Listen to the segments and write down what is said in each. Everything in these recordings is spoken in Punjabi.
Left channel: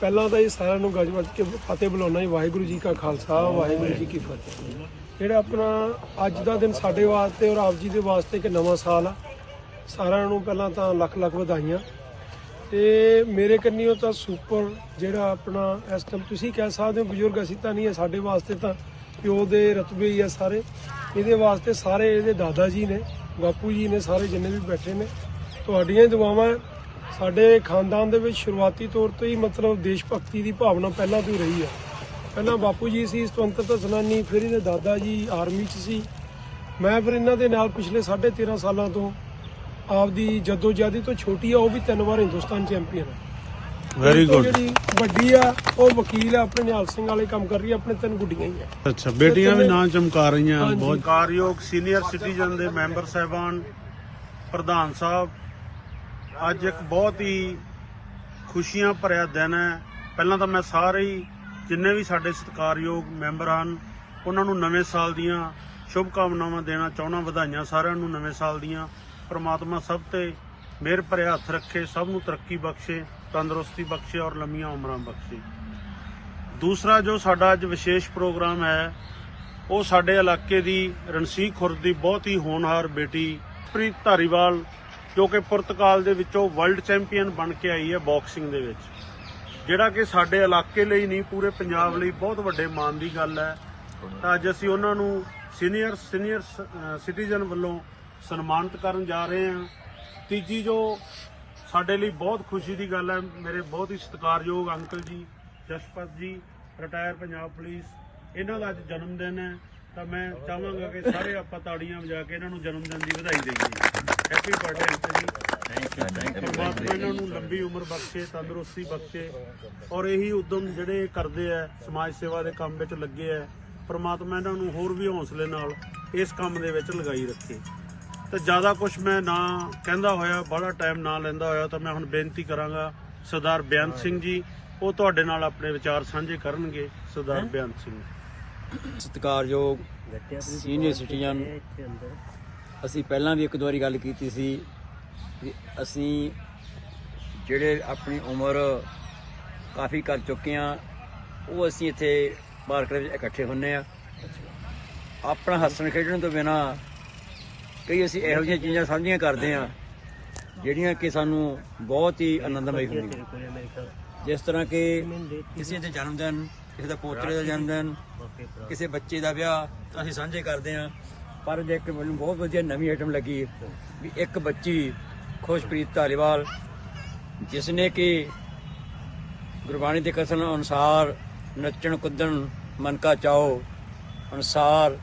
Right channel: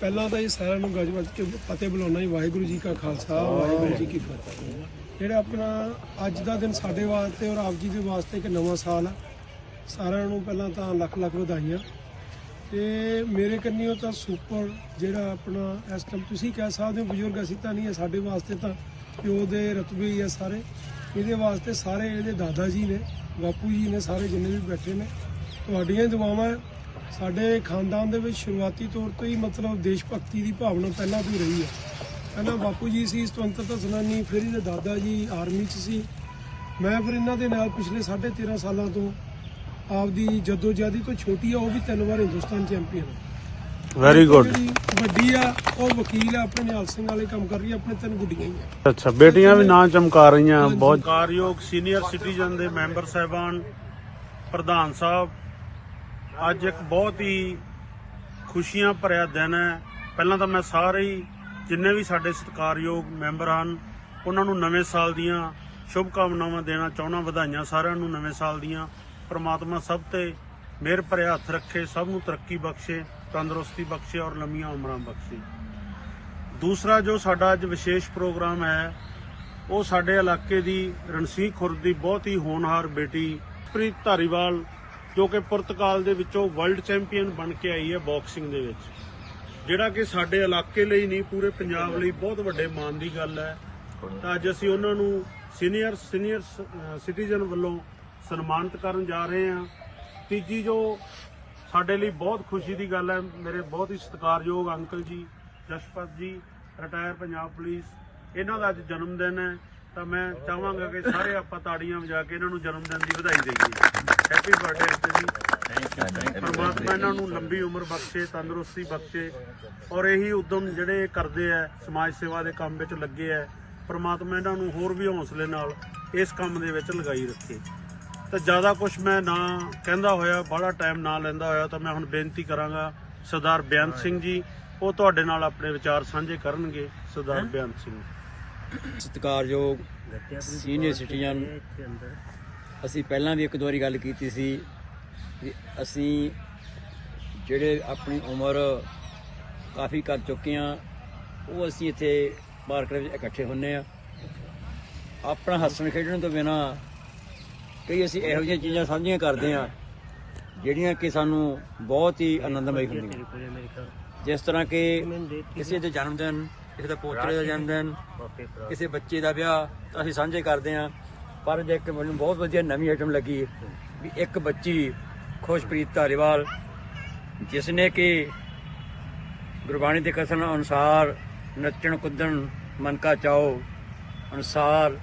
ਪਹਿਲਾਂ ਤਾਂ ਇਹ ਸਾਰਿਆਂ ਨੂੰ ਗੱਜ ਵੱਜ ਕੇ ਫਤਿਹ ਬੁਲਾਉਣਾ ਹੀ ਵਾਹਿਗੁਰੂ ਜੀ ਕਾ ਖਾਲਸਾ, ਵਾਹਿਗੁਰੂ ਜੀ ਕੀ ਫਤਿਹ। ਜਿਹੜਾ ਆਪਣਾ ਅੱਜ ਦਾ ਦਿਨ ਸਾਡੇ ਵਾਸਤੇ ਔਰ ਆਪ ਜੀ ਦੇ ਵਾਸਤੇ ਇੱਕ ਨਵਾਂ ਸਾਲ ਆ। ਸਾਰਿਆਂ ਨੂੰ ਪਹਿਲਾਂ ਤਾਂ ਲੱਖ ਲੱਖ ਵਧਾਈਆਂ। ਤੇ ਮੇਰੇ ਕੰਨੀਓ ਤਾਂ ਸੁਪਰ ਜਿਹੜਾ ਆਪਣਾ ਇਸ ਟਾਈਮ ਤੁਸੀਂ ਕਹਿ ਸਕਦੇ ਹੋ, ਬਜ਼ੁਰਗ ਅਸੀਂ ਤਾਂ ਨਹੀਂ ਹੈ ਸਾਡੇ ਵਾਸਤੇ ਤਾਂ ਪਿਓ ਦੇ ਰਤਬੇ ਹੀ ਆ ਸਾਰੇ। ਇਹਦੇ ਵਾਸਤੇ ਸਾਰੇ ਇਹਦੇ ਦਾਦਾ ਜੀ ਨੇ, ਬਾਪੂ ਜੀ ਨੇ, ਸਾਰੇ ਜਿੰਨੇ ਵੀ ਬੈਠੇ ਨੇ, ਤੁਹਾਡੀਆਂ ਹੀ ਦੁਆਵਾਂ ਸਾਡੇ ਖਾਨਦਾਨ ਦੇ ਵਿੱਚ ਸ਼ੁਰੂਆਤੀ ਤੌਰ ਤੋਂ ਹੀ ਮਤਲਬ ਦੇਸ਼ ਭਗਤੀ ਦੀ ਭਾਵਨਾ ਪਹਿਲਾਂ ਤੋਂ ਹੀ ਰਹੀ ਹੈ ਪਹਿਲਾਂ ਬਾਪੂ ਜੀ ਸੀ ਸੁਤੰਤਰਤਾ ਸੈਨਾਨੀ ਫਿਰ ਇਹਦੇ ਦਾਦਾ ਜੀ ਆਰਮੀ 'ਚ ਸੀ। ਮੈਂ ਫਿਰ ਇਹਨਾਂ ਦੇ ਨਾਲ ਪਿਛਲੇ 13.5 ਸਾਲਾਂ ਤੋਂ ਆਪਦੀ ਜਦੋਜਹਿਦੀ ਤੋਂ ਛੋਟੀ ਆ ਉਹ ਵੀ ਤਿੰਨ ਵਾਰ ਹਿੰਦੁਸਤਾਨ ਚੈਂਪੀਅਨ ਹੈ ਵੈਰੀ ਗੁੱਡ ਜਿਹੜੀ ਵੱਡੀ ਆ ਉਹ ਵਕੀਲ ਆ ਆਪਣੇ ਨਿਹਾਲ ਸਿੰਘ ਵਾਲੇ ਕੰਮ ਕਰ ਰਹੀ ਆ ਆਪਣੇ ਤਿੰਨ ਗੁੱਡੀਆਂ ਹੀ ਆ। ਅੱਛਾ ਬੇਟੀਆਂ ਵੀ ਨਾਂ ਚਮਕਾ ਰਹੀਆਂ। ਬਹੁਤ ਕਾਰਯੋਗ ਸੀਨੀਅਰ ਸਿਟੀਜ਼ਨ ਦੇ ਮੈਂਬਰ ਸਾਹਿਬਾਨ ਪ੍ਰਧਾਨ ਸਾਹਿਬ ਅੱਜ ਇੱਕ ਬਹੁਤ ਹੀ ਖੁਸ਼ੀਆਂ ਭਰਿਆ ਦਿਨ ਹੈ। ਪਹਿਲਾਂ ਤਾਂ ਮੈਂ ਸਾਰੇ ਹੀ ਜਿੰਨੇ ਵੀ ਸਾਡੇ ਸਤਿਕਾਰਯੋਗ ਮੈਂਬਰ ਹਨ, ਉਹਨਾਂ ਨੂੰ ਨਵੇਂ ਸਾਲ ਦੀਆਂ ਸ਼ੁਭ ਕਾਮਨਾਵਾਂ ਦੇਣਾ ਚਾਹੁੰਦਾ, ਵਧਾਈਆਂ ਸਾਰਿਆਂ ਨੂੰ ਨਵੇਂ ਸਾਲ ਦੀਆਂ। ਪ੍ਰਮਾਤਮਾ ਸਭ ਤੇ ਮਿਹਰ ਭਰਿਆ ਹੱਥ ਰੱਖੇ, ਸਭ ਨੂੰ ਤਰੱਕੀ ਬਖਸ਼ੇ, ਤੰਦਰੁਸਤੀ ਬਖਸ਼ੇ ਔਰ ਲੰਮੀਆਂ ਉਮਰਾਂ ਬਖਸ਼ੇ। ਦੂਸਰਾ ਜੋ ਸਾਡਾ ਅੱਜ ਵਿਸ਼ੇਸ਼ ਪ੍ਰੋਗਰਾਮ ਹੈ, ਉਹ ਸਾਡੇ ਇਲਾਕੇ ਦੀ ਰਣਸੀਕ ਖੁਰਦ ਦੀ ਬਹੁਤ ਹੀ ਹੋਣਹਾਰ ਬੇਟੀ ਪ੍ਰੀਤ ਧਾਰੀਵਾਲ ਜੋ ਕਿ ਪੁਰਤਗਾਲ ਦੇ ਵਿੱਚੋਂ ਵਰਲਡ ਚੈਂਪੀਅਨ ਬਣ ਕੇ ਆਈ ਹੈ ਬਾਕਸਿੰਗ ਦੇ ਵਿੱਚ। ਜਿਹੜਾ ਕਿ ਸਾਡੇ ਇਲਾਕੇ ਲਈ ਨਹੀਂ, ਪੂਰੇ ਪੰਜਾਬ ਲਈ ਬਹੁਤ ਵੱਡੇ ਮਾਣ ਦੀ ਗੱਲ ਹੈ। ਤਾਂ ਅੱਜ ਅਸੀਂ ਉਹਨਾਂ ਨੂੰ ਸੀਨੀਅਰ ਸੀਨੀਅਰ ਸਿਟੀਜ਼ਨ ਵੱਲੋਂ ਸਨਮਾਨਿਤ ਕਰਨ ਜਾ ਰਹੇ ਹਾਂ। ਤੀਜੀ ਜੋ ਸਾਡੇ ਲਈ ਬਹੁਤ ਖੁਸ਼ੀ ਦੀ ਗੱਲ ਹੈ, ਮੇਰੇ ਬਹੁਤ ਹੀ ਸਤਿਕਾਰਯੋਗ ਅੰਕਲ ਜੀ, ਜਸ਼ਪਤ ਜੀ ਰਿਟਾਇਰ ਪੰਜਾਬ ਪੁਲਿਸ ਇਹਨਾਂ ਦਾ ਅੱਜ ਜਨਮ ਦਿਨ ਹੈ। ਤਾਂ ਮੈਂ ਚਾਹਾਂਗਾ ਕਿ ਸਾਰੇ ਆਪਾਂ ਤਾੜੀਆਂ ਵਜਾ ਕੇ ਇਹਨਾਂ ਨੂੰ ਜਨਮ ਦਿਨ ਦੀ ਵਧਾਈ ਦੇਈਏ। ਹੈਪੀ ਬਰਥਡੇ ਅੰਕਲ ਜੀ ਪਰਮਾਤਮਾ ਇਹਨਾਂ ਨੂੰ ਲੰਬੀ ਉਮਰ ਬਖਸ਼ੇ ਤੰਦਰੁਸਤੀ ਬਖਸ਼ੇ ਔਰ ਇਹੀ ਉਦਮ ਜਿਹੜੇ ਕਰਦੇ ਆ ਸਮਾਜ ਸੇਵਾ ਦੇ ਕੰਮ ਵਿੱਚ ਲੱਗੇ ਆ ਪਰਮਾਤਮਾ ਇਹਨਾਂ ਨੂੰ ਹੋਰ ਵੀ ਹੌਸਲੇ ਨਾਲ ਇਸ ਕੰਮ ਦੇ ਵਿੱਚ ਲਗਾਈ ਰੱਖੇ। ਤੇ ਜ਼ਿਆਦਾ ਕੁਝ ਮੈਂ ਨਾ ਕਹਿੰਦਾ ਹੋਇਆ ਬੜਾ ਟਾਈਮ ਨਾ ਲੈਂਦਾ ਹੋਇਆ ਤਾਂ ਮੈਂ ਹੁਣ ਬੇਨਤੀ ਕਰਾਂਗਾ ਸਰਦਾਰ ਬਿਆਨ ਸਿੰਘ ਜੀ ਉਹ ਤੁਹਾਡੇ ਨਾਲ ਆਪਣੇ ਵਿਚਾਰ ਸਾਂਝੇ ਕਰਨਗੇ ਸਰਦਾਰ ਬਿਆਨ ਸਿੰਘ। ਸਤਿਕਾਰਯੋਗ ਸੀਨੀਅਰ ਸਿਟੀਜ਼ਨ ਅਸੀਂ ਪਹਿਲਾਂ ਵੀ ਇੱਕ ਦੋ ਵਾਰੀ ਗੱਲ ਕੀਤੀ ਸੀ ਕਿ ਅਸੀਂ ਜਿਹੜੇ ਆਪਣੀ ਉਮਰ ਕਾਫੀ ਕਰ ਚੁੱਕੇ ਆ ਉਹ ਅਸੀਂ ਇੱਥੇ ਪਾਰਕ ਵਿੱਚ ਇਕੱਠੇ ਹੁੰਨੇ ਆ ਆਪਣਾ ਹੱਸਣ ਖੇਡਣ ਤੋਂ ਬਿਨਾ ਕਈ ਅਸੀਂ ਇਹੋ ਜਿਹੀਆਂ ਚੀਜ਼ਾਂ ਸਾਂਝੀਆਂ ਕਰਦੇ ਆ ਜਿਹੜੀਆਂ ਕਿ ਸਾਨੂੰ ਬਹੁਤ ਹੀ ਆਨੰਦਮਈ ਹੁੰਦੀਆਂ। ਜਿਸ ਤਰ੍ਹਾਂ ਕਿ ਕਿਸੇ ਦੇ ਜਨਮ ਦਿਨ ਕਿਸੇ ਦਾ ਪੋਤਰੇ ਦਾ ਜਨਮ ਦਿਨ ਕਿਸੇ ਬੱਚੇ ਦਾ ਵਿਆਹ ਤਾਂ ਅਸੀਂ ਸਾਂਝੇ ਕਰਦੇ ਹਾਂ। ਪਰ ਜੇ ਇੱਕ ਮੈਨੂੰ ਬਹੁਤ ਵਧੀਆ ਨਵੀਂ ਆਈਟਮ ਲੱਗੀ, ਵੀ ਇੱਕ ਬੱਚੀ ਖੁਸ਼ਪ੍ਰੀਤ ਧਾਰੀਵਾਲ ਜਿਸ ਨੇ ਕਿ ਗੁਰਬਾਣੀ ਦੇ ਕਥਨ ਅਨੁਸਾਰ ਨੱਚਣ, ਕੁੱਦਣ ਮਨ ਕਾ ਚਾਓ ਅਨੁਸਾਰ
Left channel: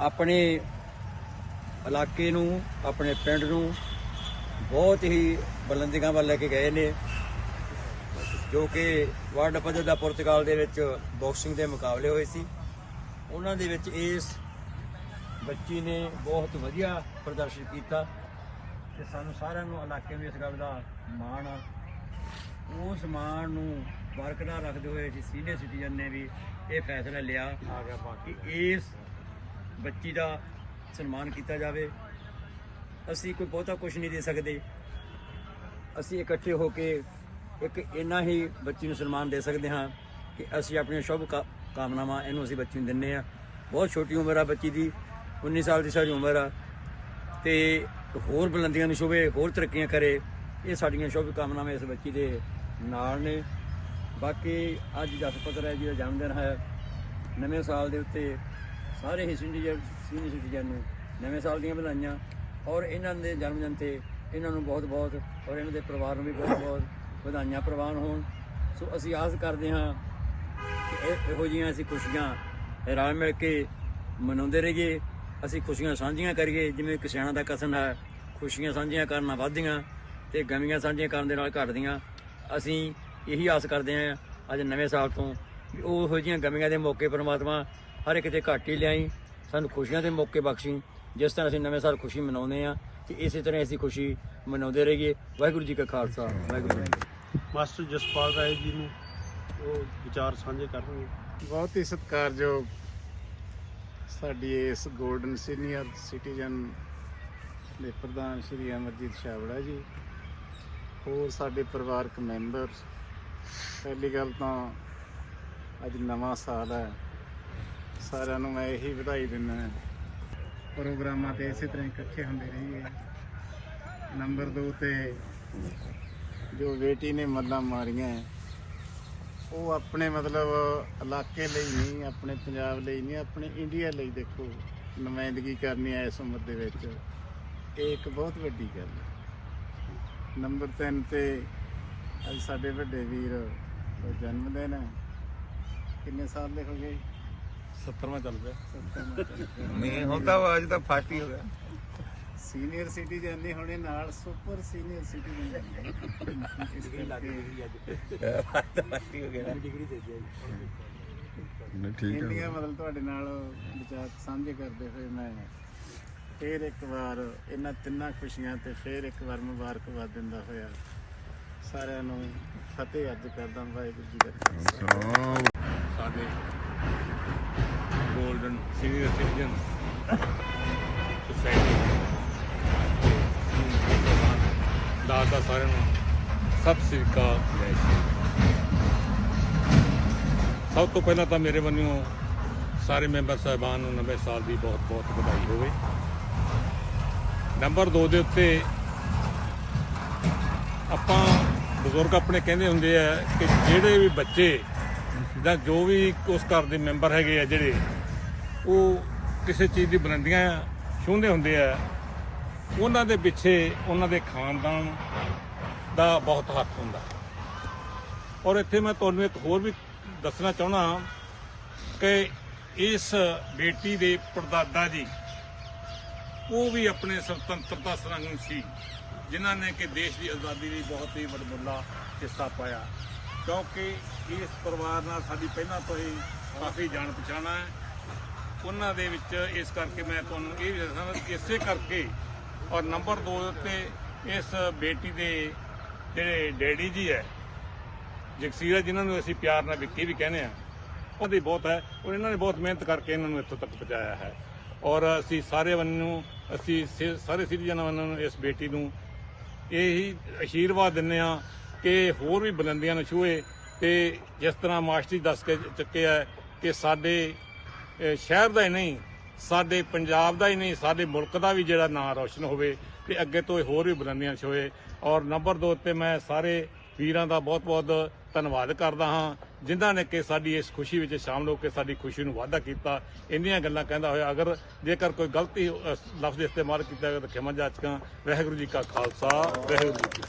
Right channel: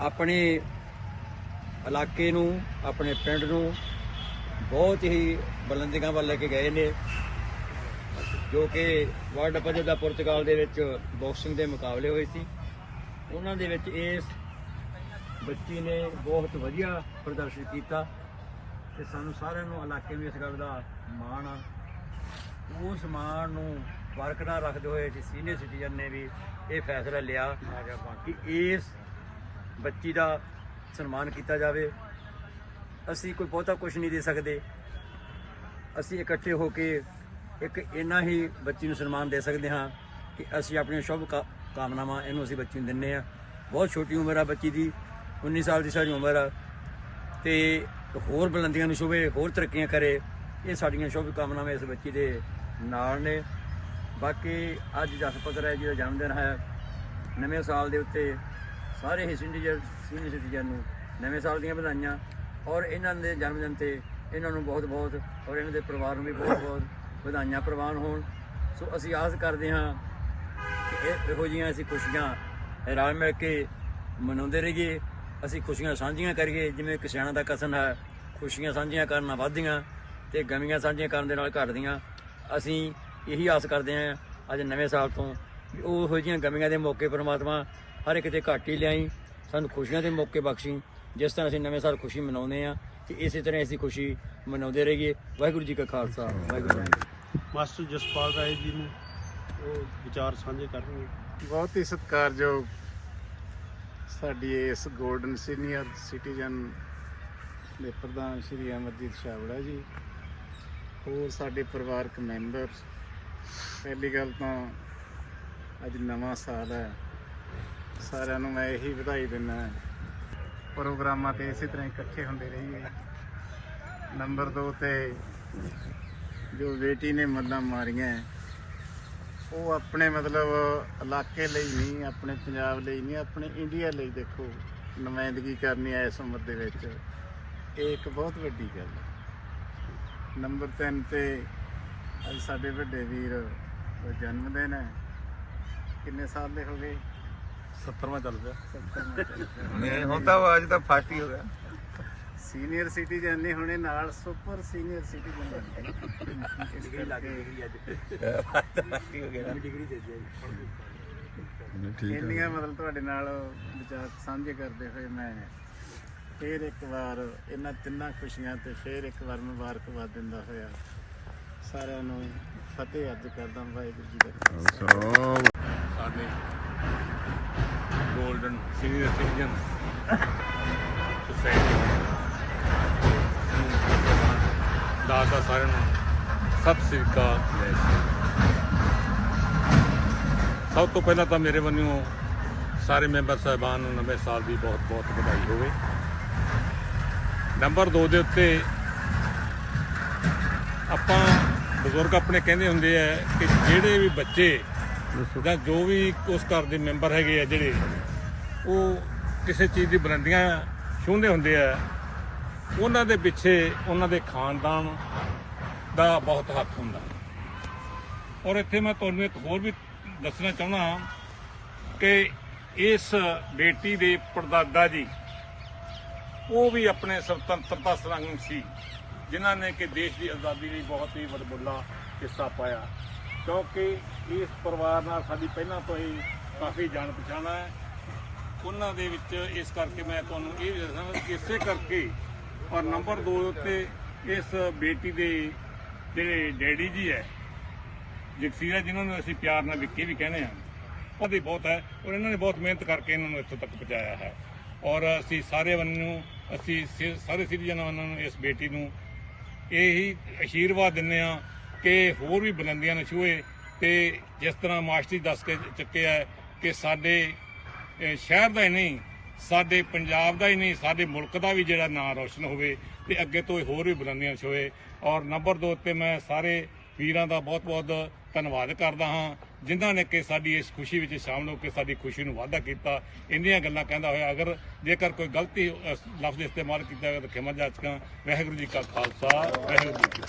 ਆਪਣੇ ਇਲਾਕੇ ਨੂੰ, ਆਪਣੇ ਪਿੰਡ ਨੂੰ ਬਹੁਤ ਹੀ ਬੁਲੰਦੀਆਂ ਵੱਲ ਲੈ ਕੇ ਗਏ ਨੇ। ਜੋ ਕਿ ਵਰਲਡ ਪੱਧਰ ਦਾ ਪੁਰਤਗਾਲ ਦੇ ਵਿੱਚ ਬਾਕਸਿੰਗ ਦੇ ਮੁਕਾਬਲੇ ਹੋਏ ਸੀ। ਉਹਨਾਂ ਦੇ ਵਿੱਚ ਇਸ ਬੱਚੀ ਨੇ ਬਹੁਤ ਵਧੀਆ ਪ੍ਰਦਰਸ਼ਨ ਕੀਤਾ ਤੇ ਸਾਨੂੰ ਸਾਰਿਆਂ ਨੂੰ ਇਲਾਕੇ ਨੂੰ ਇਸ ਗੱਲ ਦਾ ਮਾਣ ਆ। ਉਸ ਮਾਣ ਨੂੰ ਬਰਕਰਾਰ ਰੱਖਦੇ ਹੋਏ ਜੀ ਸੀਨੀਅਰ ਸਿਟੀਜ਼ਨ ਨੇ ਵੀ ਇਹ ਫੈਸਲਾ ਲਿਆ ਕਿ ਇਸ ਬੱਚੀ ਦਾ ਸਨਮਾਨ ਕੀਤਾ ਜਾਵੇ। ਅਸੀਂ ਕੋਈ ਬਹੁਤਾ ਕੁਝ ਨਹੀਂ ਦੇ ਸਕਦੇ। ਅਸੀਂ ਇਕੱਠੇ ਹੋ ਕੇ ਇੱਕ ਇੰਨਾ ਹੀ ਬੱਚੀ ਨੂੰ ਸਨਮਾਨ ਦੇ ਸਕਦੇ ਹਾਂ ਕਿ ਅਸੀਂ ਆਪਣੀਆਂ ਸ਼ੁਭ ਕਾ- ਕਾਮਨਾਵਾਂ ਇਹਨੂੰ ਅਸੀਂ ਬੱਚੀ ਨੂੰ ਦਿੰਨੇ ਆ ਬਹੁਤ ਛੋਟੀ ਉਮਰ ਆ ਬੱਚੀ ਦੀ 19 ਸਾਲ ਦੀ ਸਾਰੀ ਉਮਰ ਆ। ਤੇ ਹੋਰ ਬੁਲੰਦੀਆਂ ਨੂੰ ਸ਼ੁਭੇ ਹੋਰ ਤਰੱਕੀਆਂ ਕਰੇ, ਇਹ ਸਾਡੀਆਂ ਸ਼ੁਭ ਕਾਮਨਾਵਾਂ ਇਸ ਬੱਚੀ ਦੇ ਨਾਲ ਨੇ। ਬਾਕੀ ਅੱਜ ਦਸ ਪੱਤਰ ਹੈ ਜਿਹਦਾ ਜਨਮ ਦਿਨ ਹੈ, ਨਵੇਂ ਸਾਲ ਦੇ ਉੱਤੇ ਸਾਰੇ ਹੀ ਸੀਨੀਅਰ ਸੀਨੀਅਰ ਸਿਟੀਜ਼ਨ ਨੂੰ ਨਵੇਂ ਸਾਲ ਦੀਆਂ ਵਧਾਈਆਂ। ਔਰ ਇਹਨਾਂ ਦੇ ਜਨਮ ਦਿਨ ਤੇ ਇਹਨਾਂ ਨੂੰ ਬਹੁਤ ਬਹੁਤ ਔਰ ਇਹਨਾਂ ਦੇ ਪਰਿਵਾਰ ਨੂੰ ਵੀ ਬਹੁਤ ਬਹੁਤ ਵਧਾਈਆਂ ਪ੍ਰਵਾਨ ਹੋਣ। ਸੋ ਅਸੀਂ ਆਸ ਕਰਦੇ ਹਾਂ ਕਿ ਇਹ ਇਹੋ ਜਿਹੀਆਂ ਅਸੀਂ ਖੁਸ਼ੀਆਂ ਰਲ ਮਿਲ ਕੇ ਮਨਾਉਂਦੇ ਰਹੀਏ। ਅਸੀਂ ਖੁਸ਼ੀਆਂ ਸਾਂਝੀਆਂ ਕਰੀਏ। ਜਿਵੇਂ ਕਿਸਾਨਾਂ ਦਾ ਕਸਨ ਹੈ, ਖੁਸ਼ੀਆਂ ਸਾਂਝੀਆਂ ਕਰਨਾ ਵੱਧਦੀਆਂ ਤੇ ਗਮੀਆਂ ਸਾਂਝੀਆਂ ਕਰਨ ਦੇ ਨਾਲ ਘਟਦੀਆਂ। ਅਸੀਂ ਇਹੀ ਆਸ ਕਰਦੇ ਹਾਂ ਅੱਜ ਨਵੇਂ ਸਾਲ ਤੋਂ ਵੀ ਉਹ ਇਹੋ ਜਿਹੀਆਂ ਗਮੀਆਂ ਦੇ ਮੌਕੇ ਪਰਮਾਤਮਾ ਹਰ ਇੱਕ ਤੇ ਘੱਟ ਹੀ ਲਿਆਈ। ਸਾਨੂੰ ਖੁਸ਼ੀਆਂ ਦੇ ਮੌਕੇ ਬਖਸ਼ੀ। ਜਿਸ ਤਰ੍ਹਾਂ ਅਸੀਂ ਨਵੇਂ ਸਾਲ ਖੁਸ਼ੀ ਮਨਾਉਂਦੇ ਆ ਤੇ ਇਸੇ ਤਰ੍ਹਾਂ ਅਸੀਂ ਖੁਸ਼ੀ ਮਨਾਉਂਦੇ ਰਹੀਏ। ਵਾਹਿਗੁਰੂ ਜੀ ਕਾ ਖਾਲਸਾ। ਵਾਹਿਗੁਰੂ ਜੀ ਮਾਸਟਰ ਜਸਪਾਲ ਰਾਏ ਜੀ ਨੂੰ ਉਹ ਵਿਚਾਰ ਸਾਂਝੇ ਕਰਨਗੇ। ਬਹੁਤ ਹੀ ਸਤਿਕਾਰਯੋਗ ਸਾਡੀ ਇਸ ਗੋਲਡਨ ਸੀਨੀਅਰ ਸਿਟੀਜ਼ਨ ਦੇ ਪ੍ਰਧਾਨ ਸ਼੍ਰੀ ਅਮਰਜੀਤ ਛਾਵੜਾ ਜੀ, ਹੋਰ ਸਾਡੇ ਪਰਿਵਾਰਕ ਮੈਂਬਰ, ਪਹਿਲੀ ਗੱਲ ਤਾਂ ਅੱਜ ਨਵਾਂ ਸਾਲ ਹੈ। ਸਾਰਿਆਂ ਨੂੰ ਮੈਂ ਇਹੀ ਵਧਾਈ ਦਿੰਦਾ ਪ੍ਰੋਗਰਾਮਾਂ ਤੇ ਇਸੇ ਤਰ੍ਹਾਂ ਇਕੱਠੇ ਹੁੰਦੇ ਰਹੀਏ। ਨੰਬਰ 2 ਤੇ ਜੋ ਬੇਟੀ ਨੇ ਮੱਲਾਂ ਮਾਰੀਆਂ ਉਹ ਆਪਣੇ ਮਤਲਬ ਇਲਾਕੇ ਲਈ ਨਹੀਂ ਆਪਣੇ ਪੰਜਾਬ ਲਈ ਨਹੀਂ ਆਪਣੇ ਇੰਡੀਆ ਲਈ ਦੇਖੋ ਨੁਮਾਇੰਦਗੀ ਕਰਨੀ ਹੈ ਇਸ ਉਮਰ ਦੇ ਵਿੱਚ ਇਹ ਇੱਕ ਬਹੁਤ ਵੱਡੀ ਗੱਲ ਹੈ। ਨੰਬਰ 3 ਤੇ ਅੱਜ ਸਾਡੇ ਵੱਡੇ ਵੀਰ ਦਾ ਜਨਮ ਦਿਨ ਹੈ। ਕਿੰਨੇ ਸਾਲ ਦੇ ਹੋ ਗਏ? 70ਵਾਂ ਚੱਲ ਪਿਆ। ਨਹੀਂ ਹੁਣ ਤਾਂ ਅੱਜ ਤਾਂ ਫਾਸਟ ਹੀ ਹੋ ਗਿਆ। ਸੀਨੀਅਰ ਸਿਟੀਜ਼ਨ ਨੇ ਹੁਣੇ ਨਾਲ ਸੁਪਰ ਸੀਨੀਅਰ ਸਿਟੀਜ਼ਨ ਹੋ ਗਿਆ ਡਿਗਰੀ ਦੇ ਇੰਡੀਆ ਮਤਲਬ ਤੁਹਾਡੇ ਨਾਲ ਵਿਚਾਰ ਸਾਂਝੇ ਕਰਦੇ ਹੋਏ ਮੈਂ ਫੇਰ ਇੱਕ ਵਾਰ ਇਹਨਾਂ ਤਿੰਨਾਂ ਖੁਸ਼ੀਆਂ ਤੇ ਫੇਰ ਇੱਕ ਵਾਰ ਮੁਬਾਰਕਬਾਦ ਦਿੰਦਾ ਹੋਇਆ। ਸਾਰਿਆਂ ਨੂੰ ਫਤਿਹ ਅਰਜ਼ ਕਰਦਾ ਵਾਹਿਗੁਰੂ ਜੀ ਦਾ ਖਾਲਸਾ। ਸਾਡੇ 골ਡਨ ਸੀਨੀਅਰ ਸਿਟੀਜ਼ਨ ਸੁਸਾਇਟੀ ਦਾਦਾ ਸਾਰਿਆਂ ਨੂੰ। ਸਤਿ ਸ੍ਰੀ ਅਕਾਲ। ਲੈ ਸਭ ਤੋਂ ਪਹਿਲਾਂ ਤਾਂ ਮੇਰੇ ਵੱਲੋਂ ਸਾਰੇ ਮੈਂਬਰ ਸਾਹਿਬਾਨ ਨੂੰ ਨਵੇਂ ਸਾਲ ਦੀ ਬਹੁਤ ਬਹੁਤ ਵਧਾਈ ਹੋਵੇ। ਨੰਬਰ 2 ਦੇ ਉੱਤੇ ਆਪਾਂ ਬਜ਼ੁਰਗ ਆਪਣੇ ਕਹਿੰਦੇ ਹੁੰਦੇ ਆ ਕਿ ਜਿਹੜੇ ਵੀ ਬੱਚੇ ਜਾਂ ਜੋ ਵੀ ਉਸ ਘਰ ਦੇ ਮੈਂਬਰ ਹੈਗੇ ਆ ਜਿਹੜੇ, ਉਹ ਕਿਸੇ ਚੀਜ਼ ਦੀ ਬੁਲੰਦੀਆਂ ਛੂੰਹਦੇ ਹੁੰਦੇ ਆ। ਉਹਨਾਂ ਦੇ ਪਿੱਛੇ ਉਹਨਾਂ ਦੇ ਖਾਨਦਾਨ ਦਾ ਬਹੁਤ ਹੱਥ ਹੁੰਦਾ। ਔਰ ਇੱਥੇ ਮੈਂ ਤੁਹਾਨੂੰ ਇੱਕ ਹੋਰ ਵੀ ਦੱਸਣਾ ਚਾਹੁੰਦਾ ਹਾਂ ਕਿ ਇਸ ਬੇਟੀ ਦੇ ਪੜਦਾਦਾ ਜੀ, ਉਹ ਵੀ ਆਪਣੇ ਸੁਤੰਤਰਤਾ ਸੰਗਰਾਮ ਸੀ, ਜਿਨ੍ਹਾਂ ਨੇ ਕਿ ਦੇਸ਼ ਦੀ ਆਜ਼ਾਦੀ ਲਈ ਬਹੁਤ ਹੀ ਵੱਡਾ ਹਿੱਸਾ ਪਾਇਆ। ਕਿਉਂਕਿ ਇਸ ਪਰਿਵਾਰ ਨਾਲ ਸਾਡੀ ਪਹਿਲਾਂ ਤੋਂ ਹੀ ਕਾਫੀ ਜਾਣ ਪਛਾਣ ਹੈ। ਉਹਨਾਂ ਦੇ ਵਿੱਚ ਇਸ ਕਰਕੇ ਮੈਂ ਤੁਹਾਨੂੰ ਇਹ ਵੀ ਦੱਸਣਾ ਕਿ ਇਸੇ ਕਰਕੇ ਔਰ ਨੰਬਰ 2 ਉੱਤੇ ਇਸ ਬੇਟੀ ਦੇ ਜਿਹੜੇ ਡੈਡੀ ਜੀ ਹੈ, ਜਗਸੀਰਾ ਜਿਨ੍ਹਾਂ ਨੂੰ ਅਸੀਂ ਪਿਆਰ ਨਾਲ ਵਿੱਕੀ ਵੀ ਕਹਿੰਦੇ ਆ ਉਹਦੀ ਬਹੁਤ ਹੈ ਔਰ ਇਹਨਾਂ ਨੇ ਬਹੁਤ ਮਿਹਨਤ ਕਰਕੇ ਇਹਨਾਂ ਨੂੰ ਇੱਥੋਂ ਤੱਕ ਪਹੁੰਚਾਇਆ ਹੈ। ਔਰ ਅਸੀਂ ਸਾਰੇ ਵੱਲੋਂ, ਅਸੀਂ ਸੇ- ਸਾਰੇ ਸਿਟੀਜ਼ਨ ਵੱਲੋਂ ਨੂੰ ਇਸ ਬੇਟੀ ਨੂੰ ਇਹੀ ਅਸ਼ੀਰਵਾਦ ਦਿੰਦੇ ਆ ਕਿ ਹੋਰ ਵੀ ਬੁਲੰਦੀਆਂ ਨੂੰ ਛੂਏ ਤੇ ਜਿਸ ਤਰ੍ਹਾਂ ਮਾਸਟਰੀ ਦੱਸ ਕੇ ਚੁੱਕੇ ਆ ਕਿ ਸਾਡੇ ਸ਼ਹਿਰ ਦਾ ਹੀ ਨਹੀਂ ਸਾਡੇ ਪੰਜਾਬ ਦਾ ਹੀ ਨਹੀਂ, ਸਾਡੇ ਮੁਲਕ ਦਾ ਵੀ ਜਿਹੜਾ ਨਾਂ ਰੌਸ਼ਨ ਹੋਵੇ ਤੇ ਅੱਗੇ ਤੋਂ ਇਹ ਹੋਰ ਵੀ ਬੁਲੰਦੀਆਂ ਛੂਏ। ਔਰ ਨੰਬਰ 2 ਤੇ ਮੈਂ ਸਾਰੇ ਵੀਰਾਂ ਦਾ ਬਹੁਤ-ਬਹੁਤ ਧੰਨਵਾਦ ਕਰਦਾ ਹਾਂ, ਜਿਨ੍ਹਾਂ ਨੇ ਕਿ ਸਾਡੀ ਇਸ ਖੁਸ਼ੀ ਵਿੱਚ ਸ਼ਾਮਲ ਹੋ ਕੇ ਸਾਡੀ ਖੁਸ਼ੀ ਨੂੰ ਵਾਧਾ ਕੀਤਾ। ਇੰਨੀਆਂ ਗੱਲਾਂ ਕਹਿੰਦਾ ਹੋਇਆ, ਅਗਰ ਜੇਕਰ ਕੋਈ ਗਲਤੀ ਲਫ਼ਜ਼ ਇਸਤੇਮਾਲ ਕੀਤਾ ਗਿਆ ਤਾਂ ਖਿਮਾ ਜਾਚਕਾਂ, ਵਾਹਿਗੁਰੂ ਜੀ ਕਾ ਖਾਲਸਾ, ਵਾਹਿਗੁਰੂ ਜੀ ਕੀ